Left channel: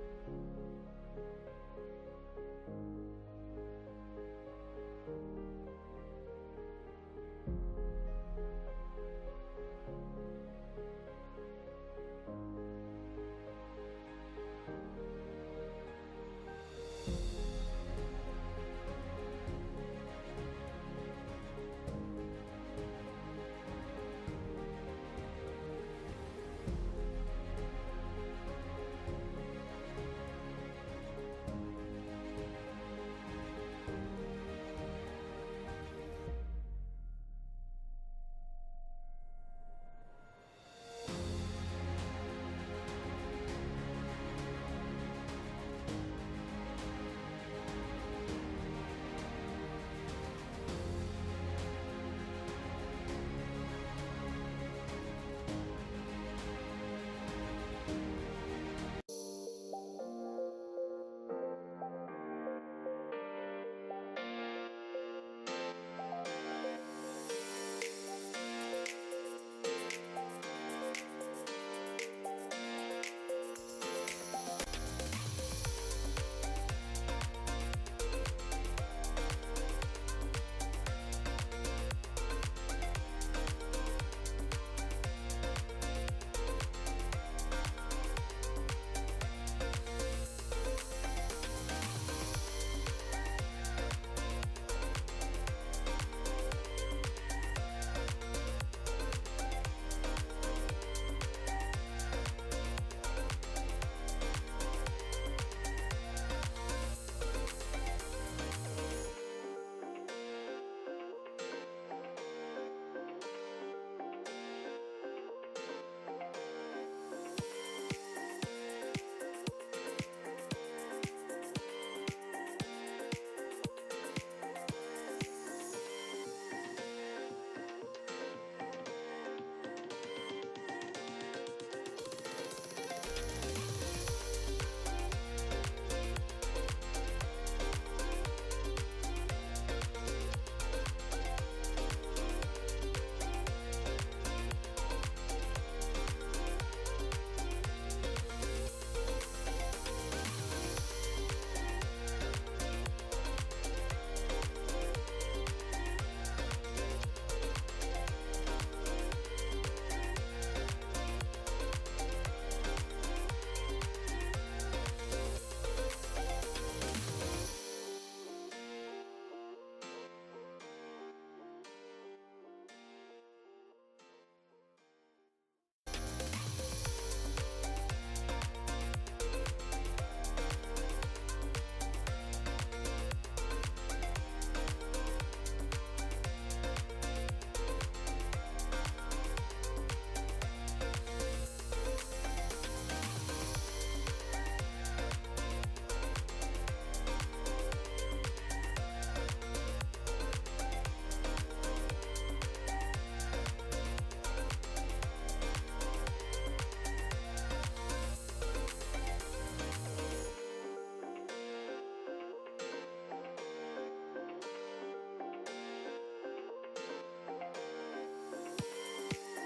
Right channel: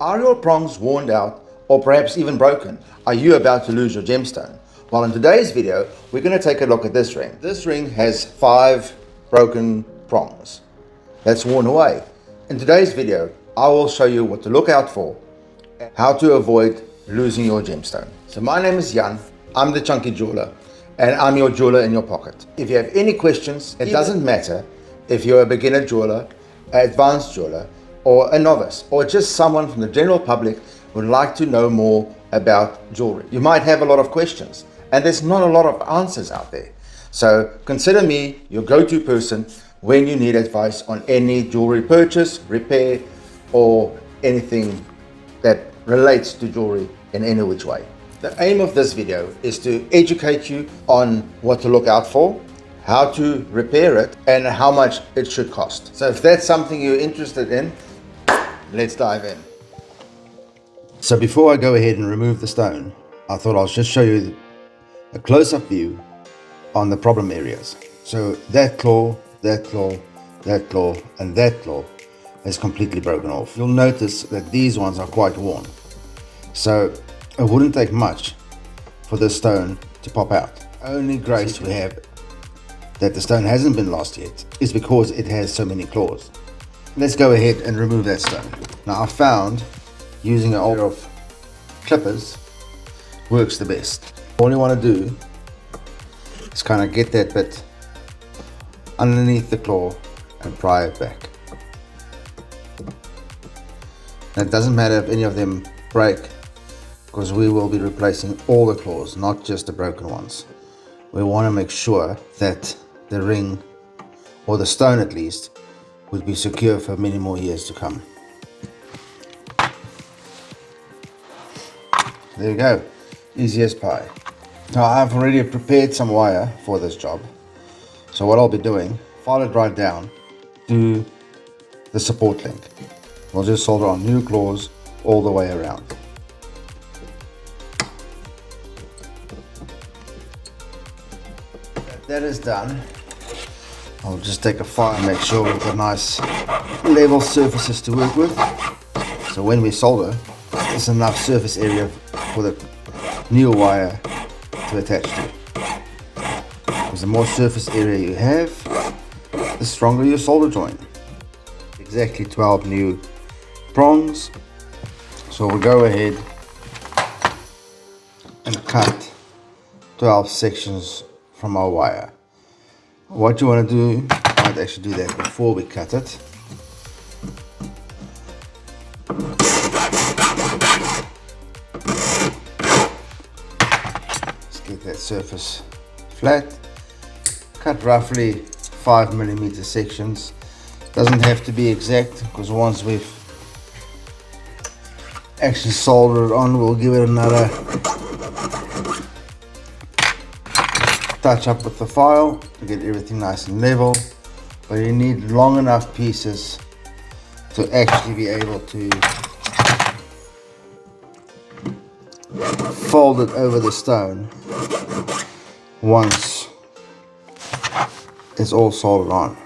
Are your prongs worn out or perhaps even broken? Are you about to lose your gemstone? Well, in today's video, we're going to take a look at this ring. This ring has 5 broken prongs that's worn away. In today's video, I will show you what to look out for, how to avoid losing your gemstone. So my name is Jan, I'm the Chunky Jeweler, and I'm your jeweler in your pocket. If you have any questions, it doesn't matter if you're a beginner jeweler, an advanced jeweler, or a novice, or just someone from the general public who would like to know more about jewelry. You might have a lot of questions, and there's not a lot of answers out there. So consider me your go-to person when you need advice on any jewelry purchase, repair, or anything that relates to jewelry in any which way. The aim of this video is to educate you on what to look out for, how to repair it, and how much it should cost. So if that's something you're interested in, let's dive in. So before I go ahead and remove the stone, I thought I'll just show you a close-up view on the problem areas. So that claw, that claw, that claw, and that claw is completely broken off. You'll notice that these ones are quite worn. So it wouldn't take much for this stone to pop out. Only grace we have that the stone hasn't been lost yet is because it has so many claws. Let's go ahead and remove that stone. Now I found using an old of clippers works the best. All you want to do is kind of get that bit underneath the claw and pry it back. Now, it doesn't matter if any of them break, because we will be replacing all the claws, not just the broken ones. We want to make sure that the ring, or the stone at least, would be secure for many more years to come. There you go, easy as pie. Now I've already prepared some wire for this job. So what I'll be doing, file it right down to the support link. We'll just solder on new claws all the way around. That is done. I'll just take a file and make sure we've got nice level surfaces to work with. So when we solder, there's enough surface area for the new wire to attach to. Because the more surface area you have, the stronger your solder joint. Exactly 12 new prongs. So we'll go ahead and cut 12 sections from our wire. What you want to do, I might actually do that before we cut it. Let's get that surface flat. Cut roughly 5mm sections. Doesn't have to be exact, because once we've actually soldered it on, we'll give it another touch up with the file to get everything nice and level. But you need long enough pieces to actually be able to fold it over the stone once it's all soldered on.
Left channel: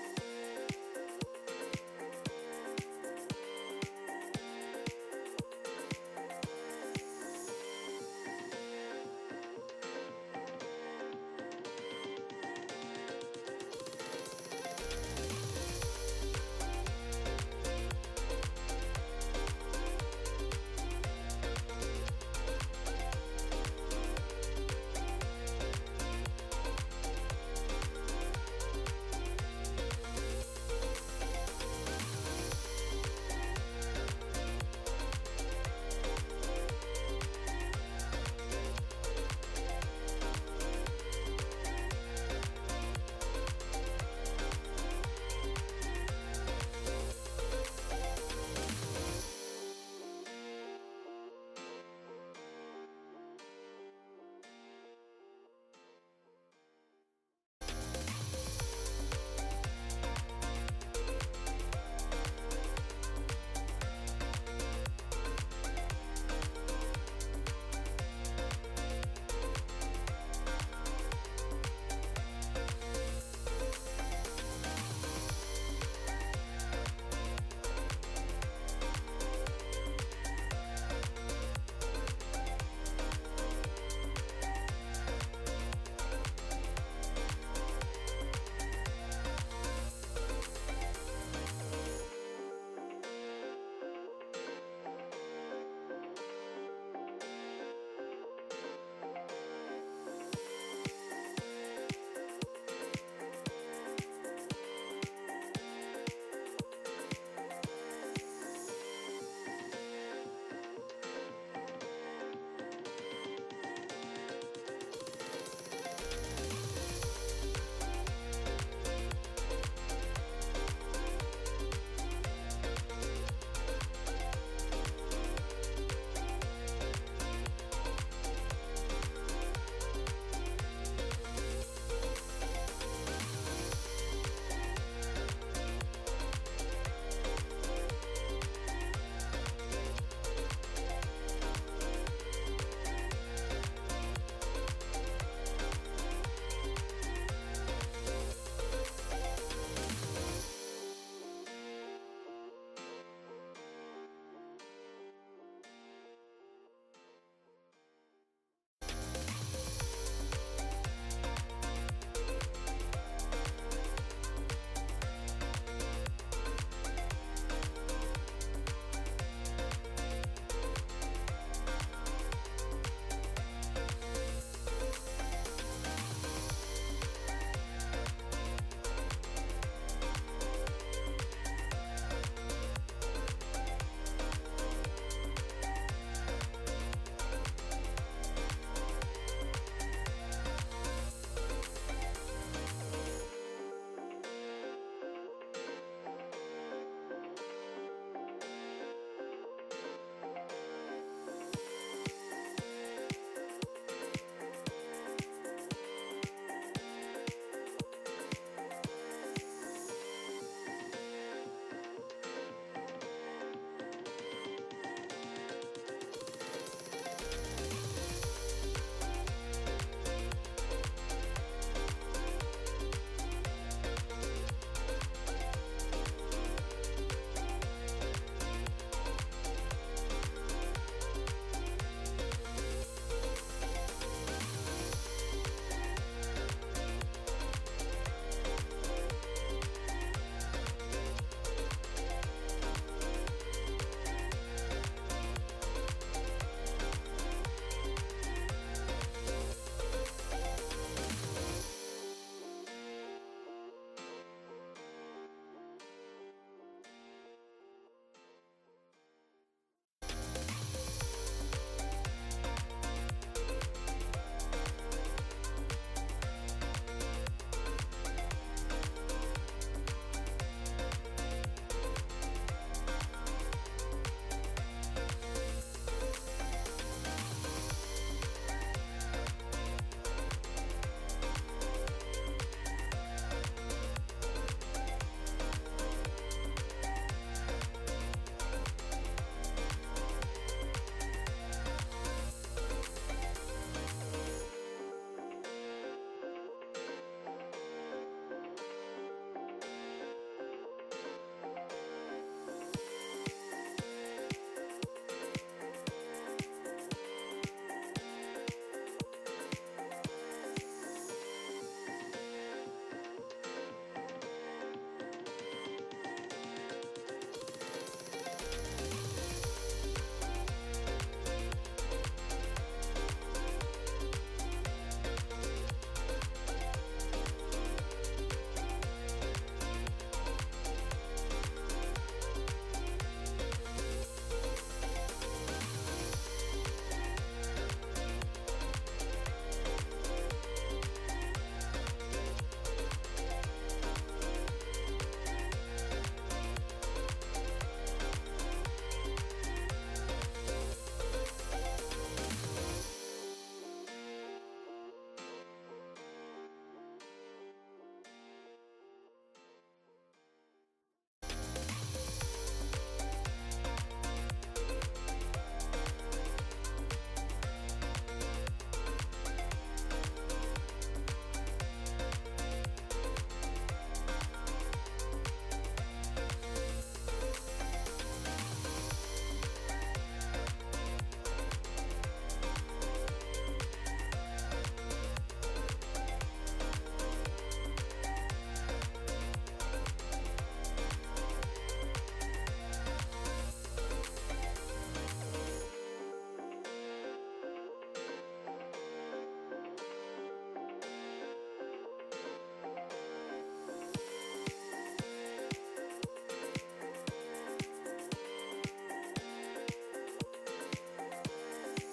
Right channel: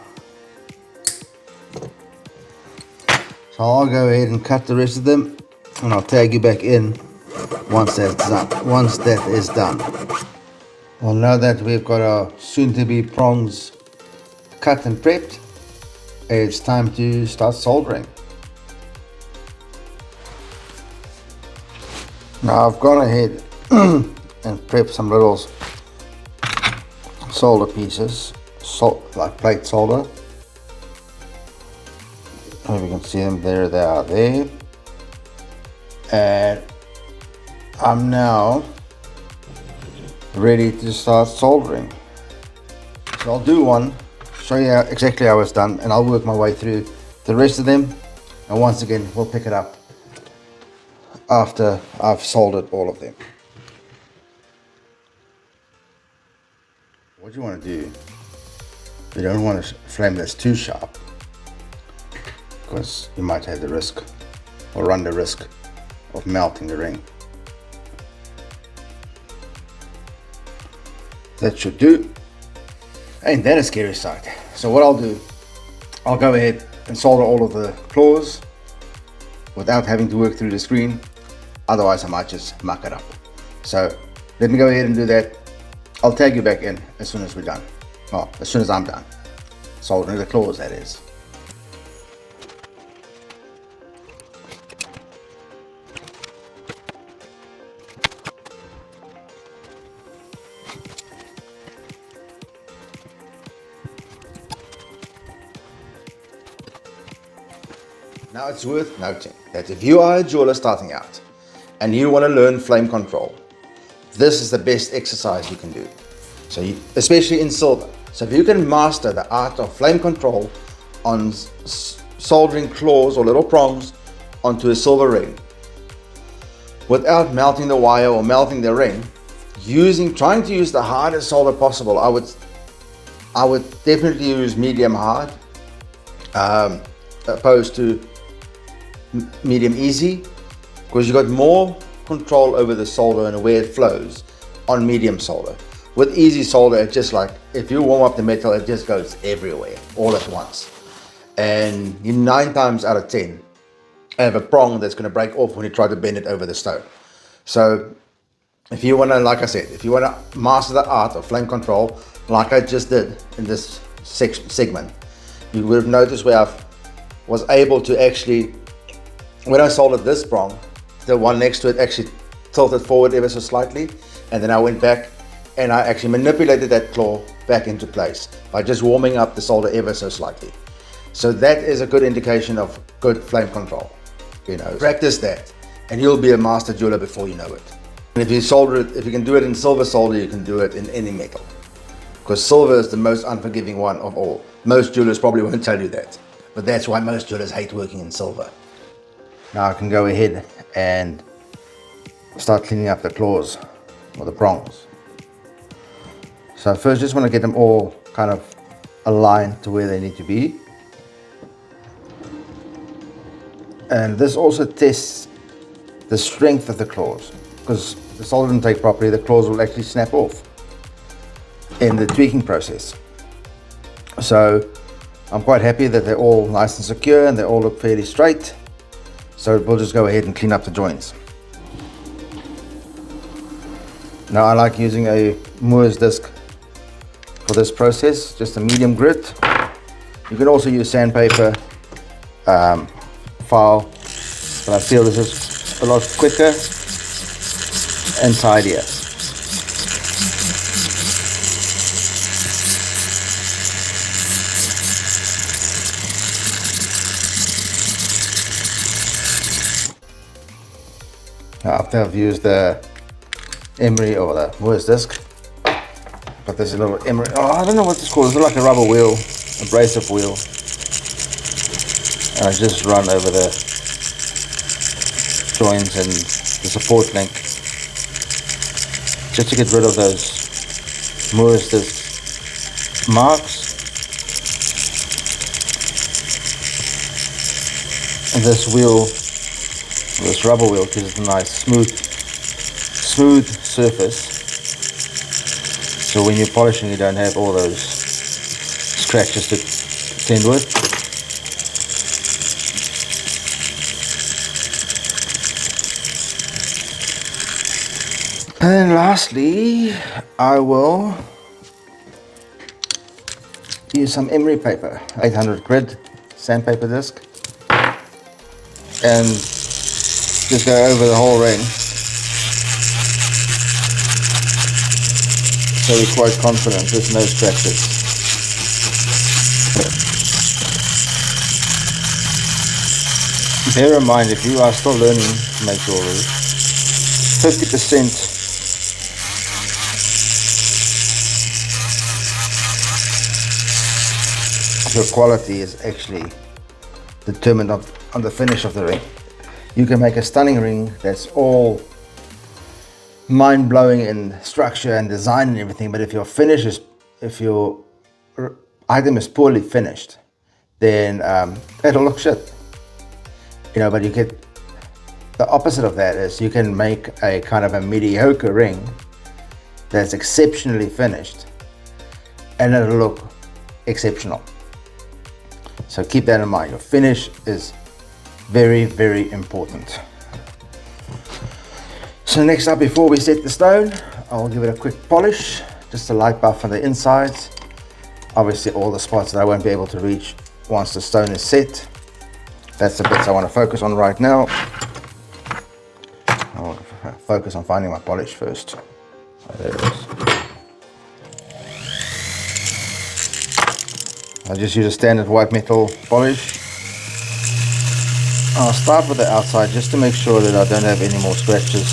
So I'll go ahead and cut the rest of them, and I'll tag you back in once that's done. Once that is done. Well, now that we've got our soon-to-be prongs cut and prepped, it's time to start soldering. Now I've gone ahead and prepped some little solder pieces, like plate solder. If you can see them, there they are there. And I'm now ready to start soldering. So I'll do one, show you exactly how it's done, and I'll work my way through the rest of them, and once again we'll pick it up after I've soldered all of them. What you want to do, you don't want a flame that's too sharp, because you might have the risk, or run the risk, of melting the ring. That should do. Ain't that a scary sight? So what I'll do, I'll go ahead and solder all of the claws without having to work through the screen. Otherwise I might just muck it up. So let me go ahead and do that. I'll tag you back in as soon as we're done. Well, as soon as I'm done soldering the claws, that is. Now it's worth noting that if you are a jeweler starting out and you want to learn flame control, this is the best exercise you can do. So especially in silver. So if you can master the art of flame control on soldering claws or little prongs onto a silver ring without melting the wire or melting the ring, trying to use the hardest solder possible, I would definitely use medium hard opposed to medium easy, because you got more control over the solder and where it flows on medium solder. With easy solder, it's just like if you warm up the metal, it just goes everywhere all at once, and you 9 times out of 10 have a prong that's going to break off when you try to bend it over the stone. So if you want to, like I said, if you want to master the art of flame control like I just did in this segment, you would have noticed where I was able to actually, when I soldered this prong, the one next to it actually tilted forward ever so slightly, and then I went back and I actually manipulated that claw back into place by just warming up the solder ever so slightly. So that is a good indication of good flame control. You know, practice that and you'll be a master jeweler before you know it. And if you solder it, if you can do it in silver solder, you can do it in any metal, because silver is the most unforgiving one of all. Most jewelers probably won't tell you that, but that's why most jewelers hate working in silver. Now I can go ahead and start cleaning up the claws or the prongs. So first, just want to get them all kind of aligned to where they need to be. And this also tests the strength of the claws, because if the solder doesn't take properly, the claws will actually snap off in the tweaking process. So I'm quite happy that they're all nice and secure and they all look fairly straight. So we'll just go ahead and clean up the joints. Now I like using a Moore's disc for this process, just a medium grit. You can also use sandpaper, file, but I feel this is a lot quicker and tidier. Now after I've used the emery or the Moore's disc, but there's a little emery, I don't know what it's called, it's like a rubber wheel, abrasive wheel, and I just run over the joints and the support link just to get rid of those Moore's disc marks. And this wheel, this rubber wheel, gives it a nice smooth surface, so when you're polishing you don't have all those scratches to contend with. And then lastly, I will use some emery paper, 800 grit sandpaper disc, and just go over the whole ring. So we're quite confident there's no scratches. Bear in mind, if you are still learning to make jewelry, 50% of your quality is actually determined on the finish of the ring. You can make a stunning ring that's all mind-blowing in structure and design and everything, but if your item is poorly finished, then it'll look shit. You know, but you get the opposite of that is you can make a kind of a mediocre ring that's exceptionally finished and it'll look exceptional. So keep that in mind. Your finish is Very, very important. So next up, before we set the stone, I'll give it a quick polish, just a light buff on the insides. Obviously all the spots that I won't be able to reach once the stone is set. That's the bits I want to focus on right now. I'll focus on finding my polish first. Oh, there it is. I'll just use a standard white metal polish. I'll start with the outside just to make sure that I don't have any more scratches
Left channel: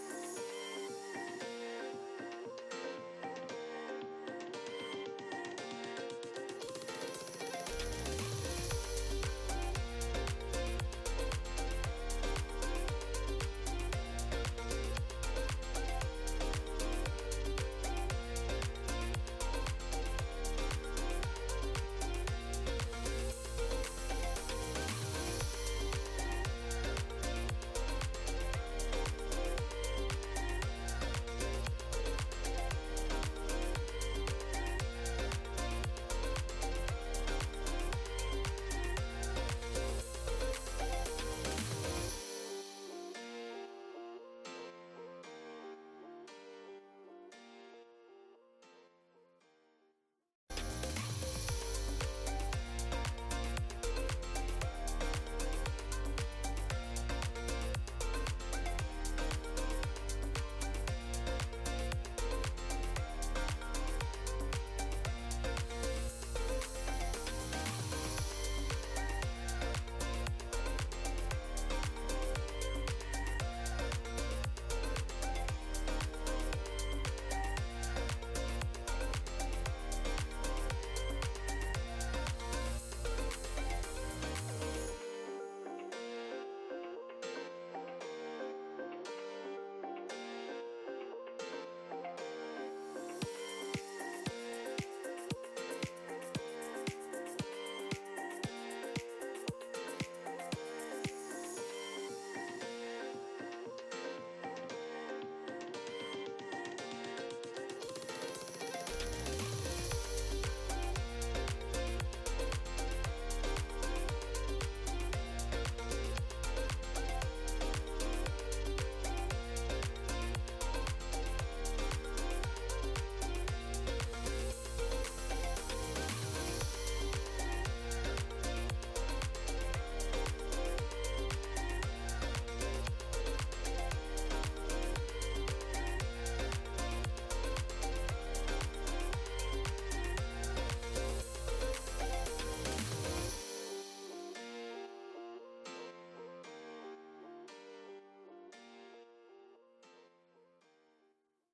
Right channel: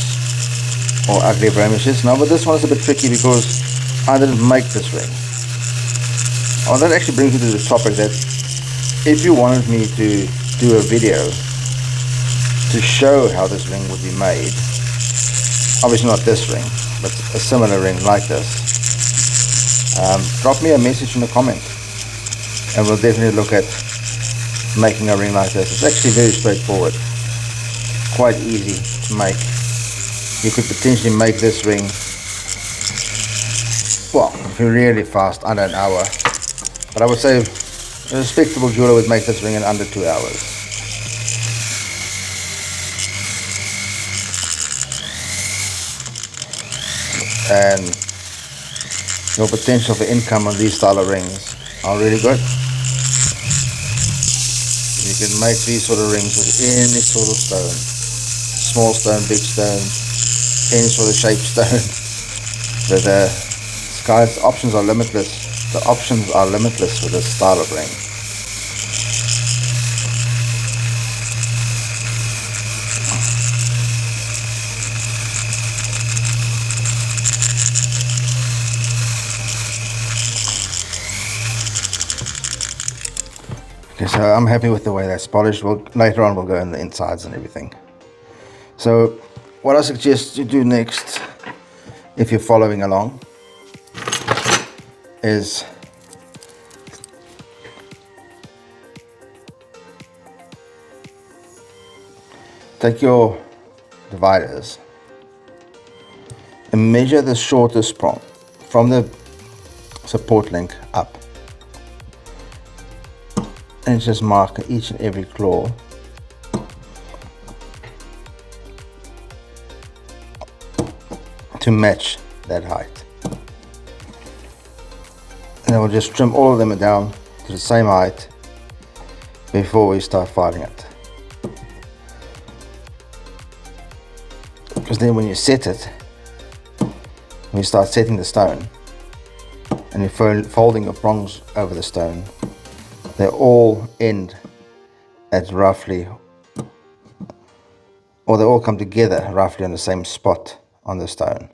or ugly blemishes. Now, but this one is a bit tricky because I didn't make this ring. Oh, that actually brings me to the topic that if you wanted me to do a video to show how this ring would be made, obviously not this ring, but a similar ring like this, drop me a message in the comment and we'll definitely look at making a ring like this. It's actually very straightforward, quite easy to make. You could potentially make this ring, well, if you're really fast, under an hour. But I would say a respectable jeweler would make this ring in under 2 hours. And your potential for income on these style of rings are really good. You can make these sort of rings with any sort of stone. Small stone, big stone, any sort of shaped stone. The sky's options are limitless. The options are limitless with this style of ring. Okay, so I'm happy with the way that's polished. Later on we'll go in the insides and everything. So what I suggest you do next, if you're following along, is take your dividers and measure the shortest prong from the support link up, and just mark each and every claw to match that height. And we'll just trim all of them down to the same height before we start filing it. Because then when you set it, when you start setting the stone and you're folding your prongs over the stone, they all end at roughly, or they all come together roughly on the same spot on the stone.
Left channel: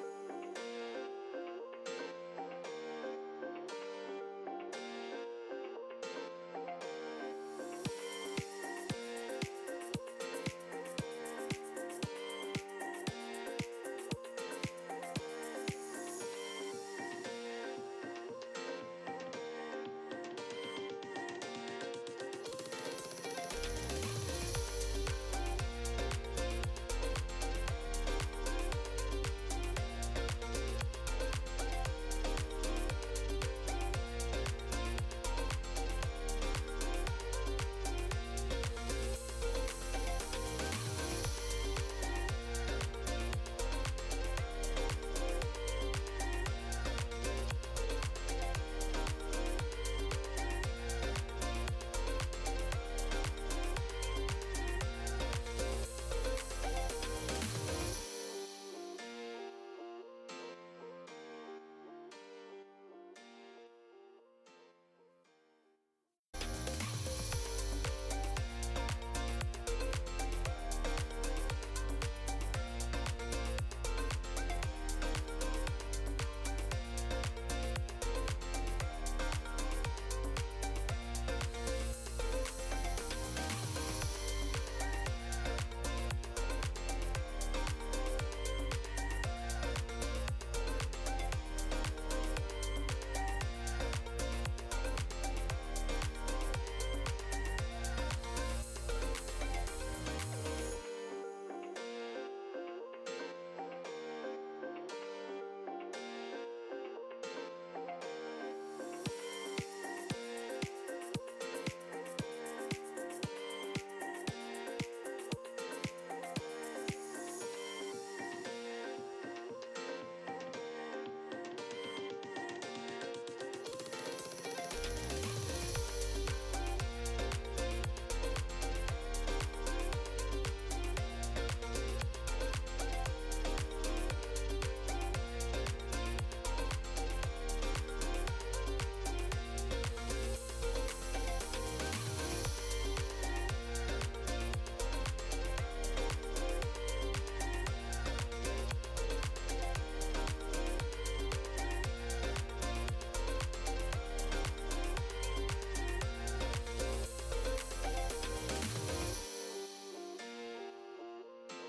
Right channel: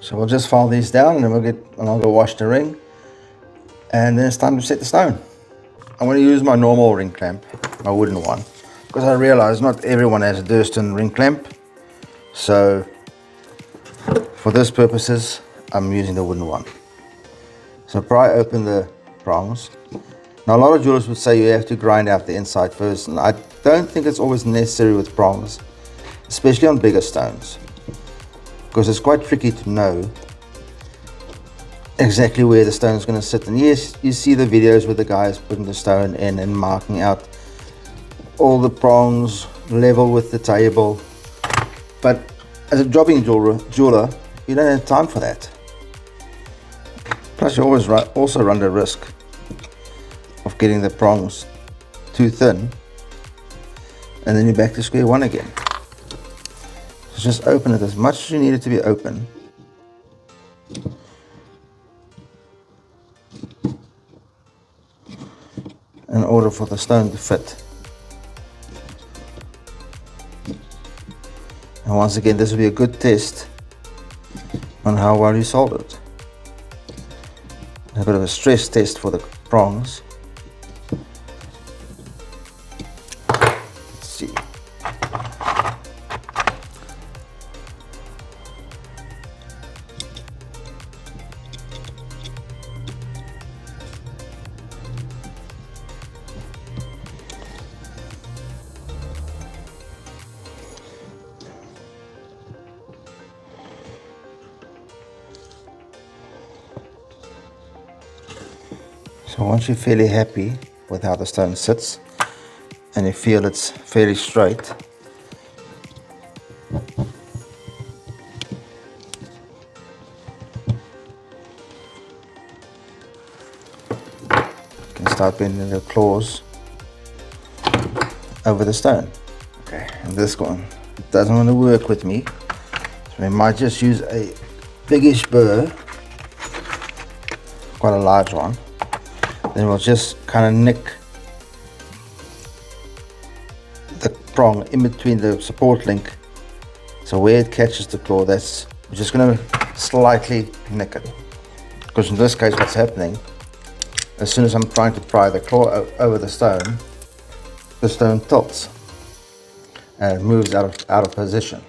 So we'll just file these down and then I'll go wash the ring, and then it's time to set the stone. I'm going to use my normal ring clamp, my wooden one, because I realize not everyone has a Durston ring clamp. So for this purposes, I'm using the wooden one. So pry open the prongs. Now a lot of jewelers would say you have to grind out the inside first, and I don't think it's always necessary with prongs, especially on bigger stones, because it's quite tricky to know exactly where the stone is going to sit. And yes, you see the videos with the guys putting the stone in and marking out all the prongs level with the table, but as a jobbing jeweler, you don't have time for that. Plus you always also run the risk of getting the prongs too thin, and then you're back to square one again. So just open it as much as you need it to be open. In order for the stone to fit. And once again, this will be a good test on how well you soldered. A bit of a stress test for the prongs. Let's see. So once you're fairly happy with how the stone sits and you feel it's fairly straight, you can start bending your claws over the stone. Okay, and this one doesn't want to work with me, so we might just use a biggish burr, quite a large one. Then we'll just kind of nick the prong in between the support link, so where it catches the claw, we're just going to slightly nick it, because in this case what's happening, as soon as I'm trying to pry the claw over the stone tilts and it moves out of position.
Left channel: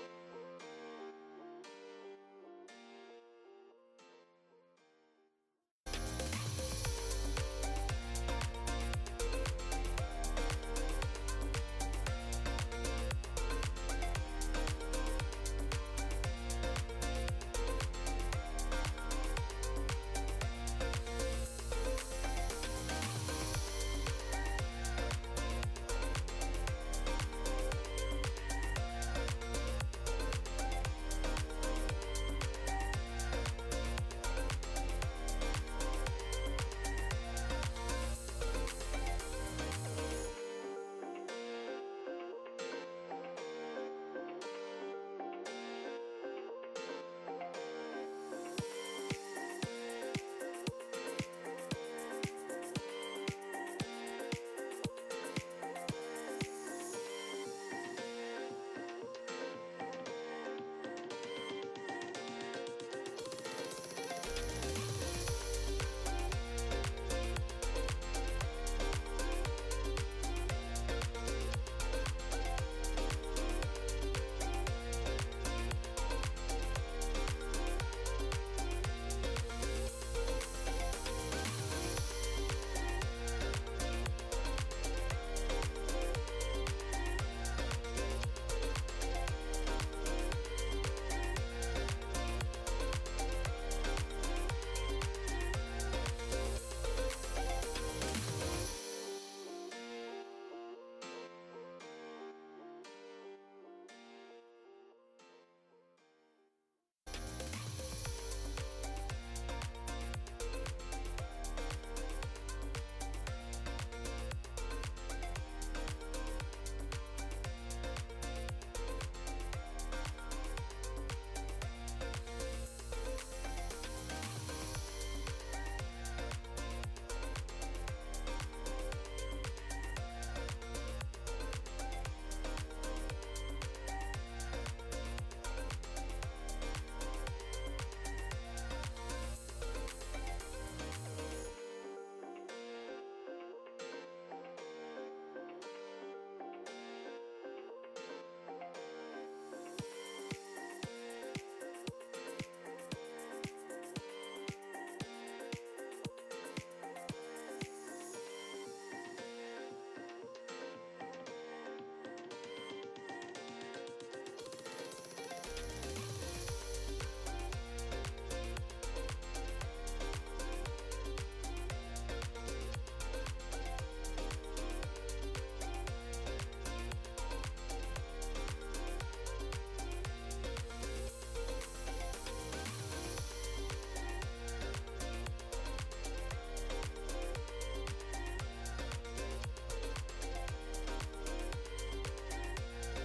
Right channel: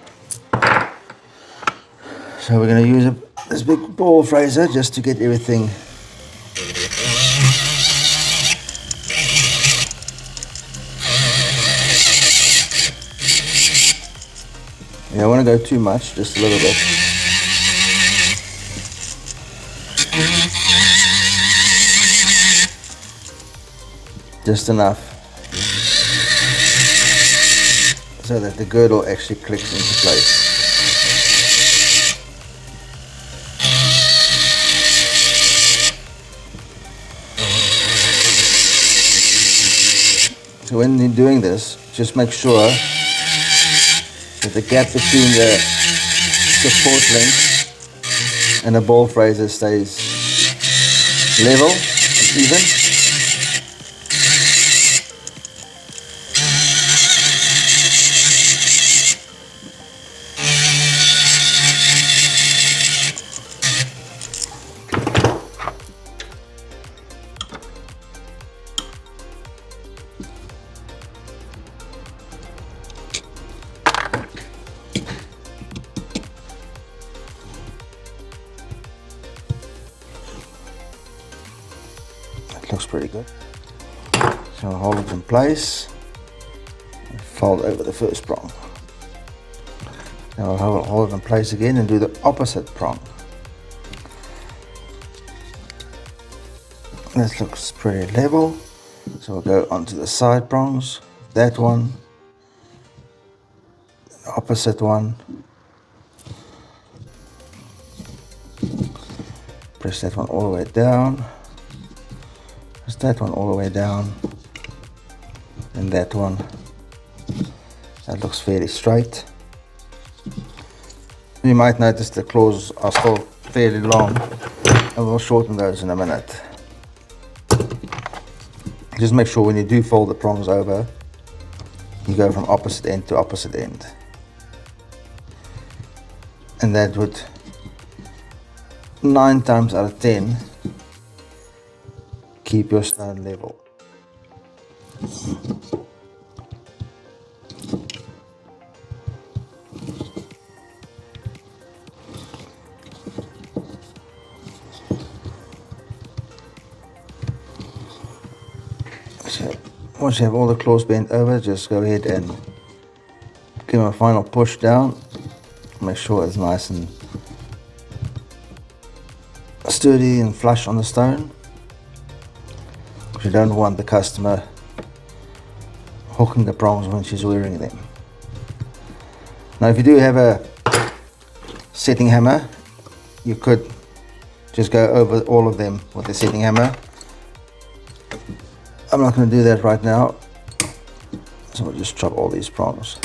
So we're going to use this big ball fraser just to get everything you don't want to go too much, just a little bit. Just enough so that the girdle actually clicks into place. So when you're doing this, just make sure that the gap between the support link and the ball fraser stays level, even. Looks pretty good. So I'll hold it in place and fold over the first prong. Now I'll hold it in place again and do the opposite prong. This looks pretty level. So we'll go onto the side prongs. That one, the opposite one. Press that one all the way down. That one all the way down, and that one. That looks fairly straight. You might notice the claws are still fairly long, and we'll shorten those in a minute. Just make sure when you do fold the prongs over, you go from opposite end to opposite end, and that would 9 times out of 10 keep your stone level. So once you have all the claws bent over, just go ahead and give them a final push down. Make sure it's nice and sturdy and flush on the stone. You don't want the customer hooking the prongs when she's wearing them. Now if you do have a setting hammer, you could just go over all of them with the setting hammer. I'm not going to do that right now, so we'll just chop all these prongs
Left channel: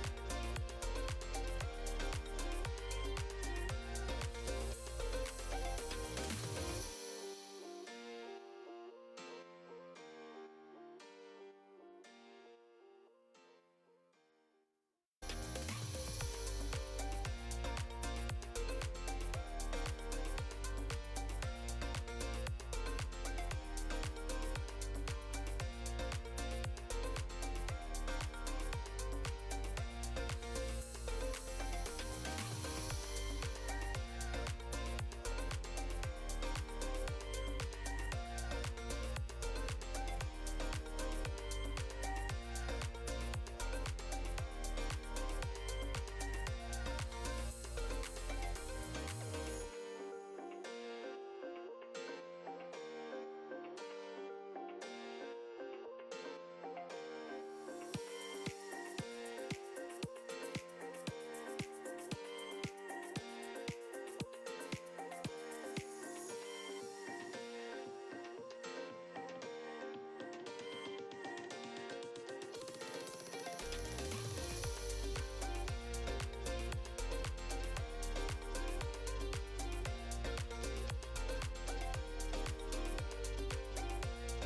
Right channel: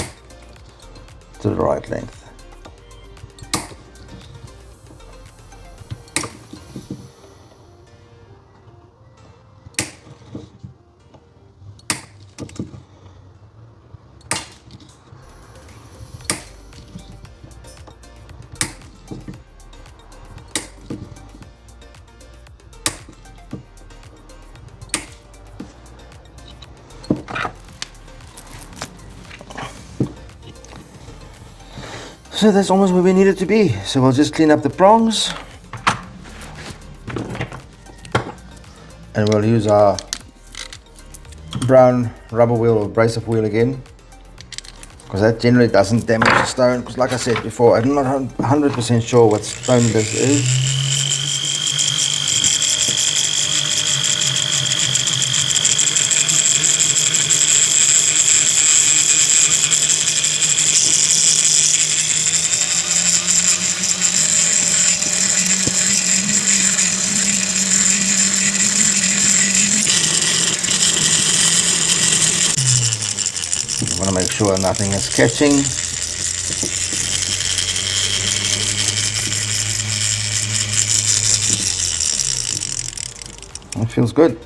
to the right length. So that's almost where we need it to be. So we'll just clean up the prongs. And we'll use our brown rubber wheel or abrasive wheel again, because that generally doesn't damage the stone, because like I said before, I'm not 100% sure what stone this is. I want to make sure nothing is catching. It feels good.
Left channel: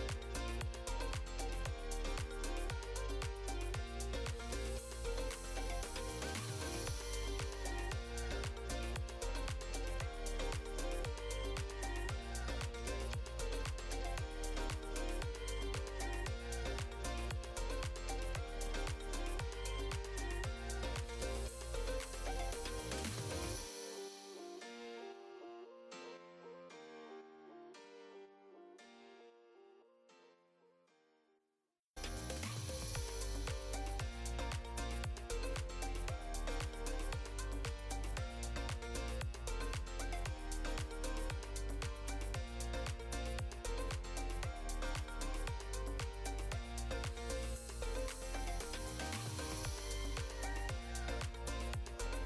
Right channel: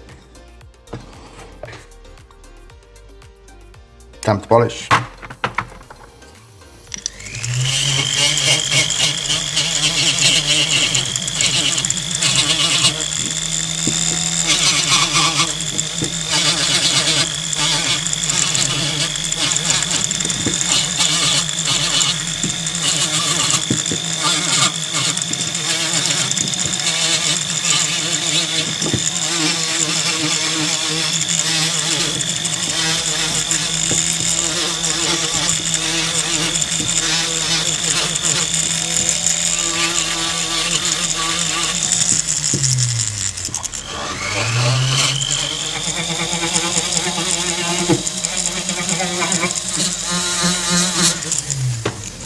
Time to polish.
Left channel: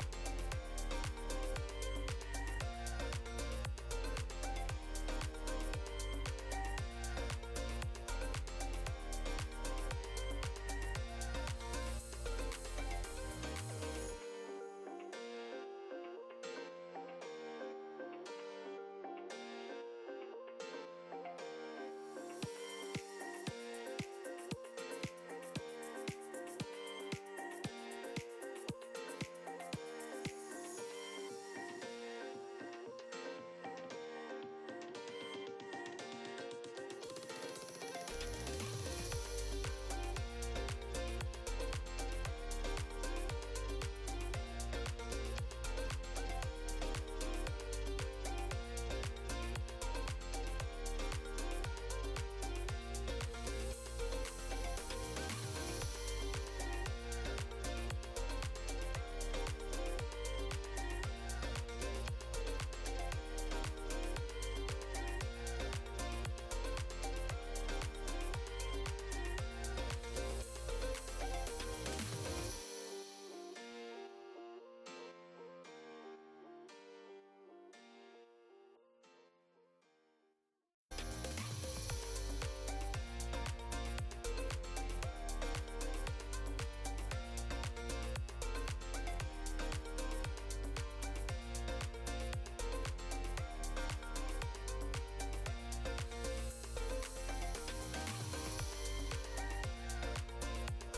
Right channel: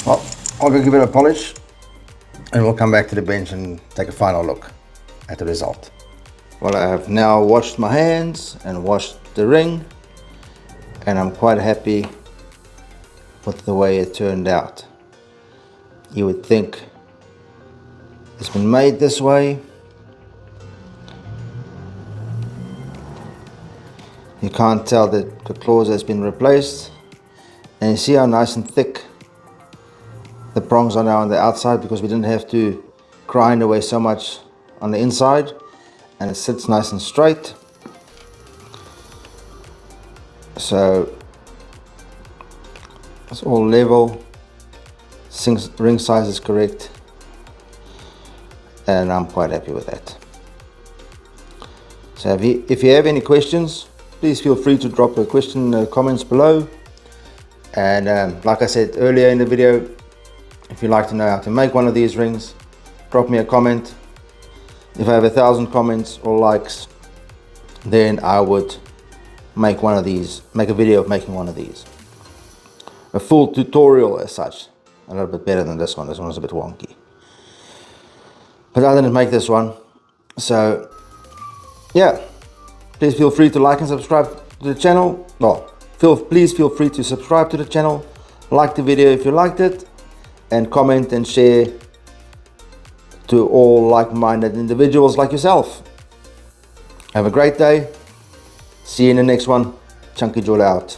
Well, I'll go give it a polish and we'll come back to the bench and take a final look at the result. Well, I have now washed my hands and washed the ring, and I'm quite happy with the way it turned out. You would think it's been made this way. You can't tell that the claws has been replaced, and you see how nice and thick the prongs are now on the outside, because we didn't have to grind away so much on the inside, and it sits nice and straight. So it's all level, ring size is correct, and I'm quite happy with that. So if you have any questions, please feel free to drop a question in the comments below. And like I said earlier in the video, if you'd like to know how to make one of these rings, drop me a comment. If I have 1,000 comments or likes, then I would make one of these, make a video of making one of these. A full tutorial as such, a little bit better than this one. This one was a bit wonky. But I didn't make this one. So yeah, please feel free to like and subscribe to the channel. Well, please feel free to subscribe to the channel, like the video if you liked it, and comment and share to all like-minded individuals like yourself. Have a great day. See you in the next one. Chunky Jewel out.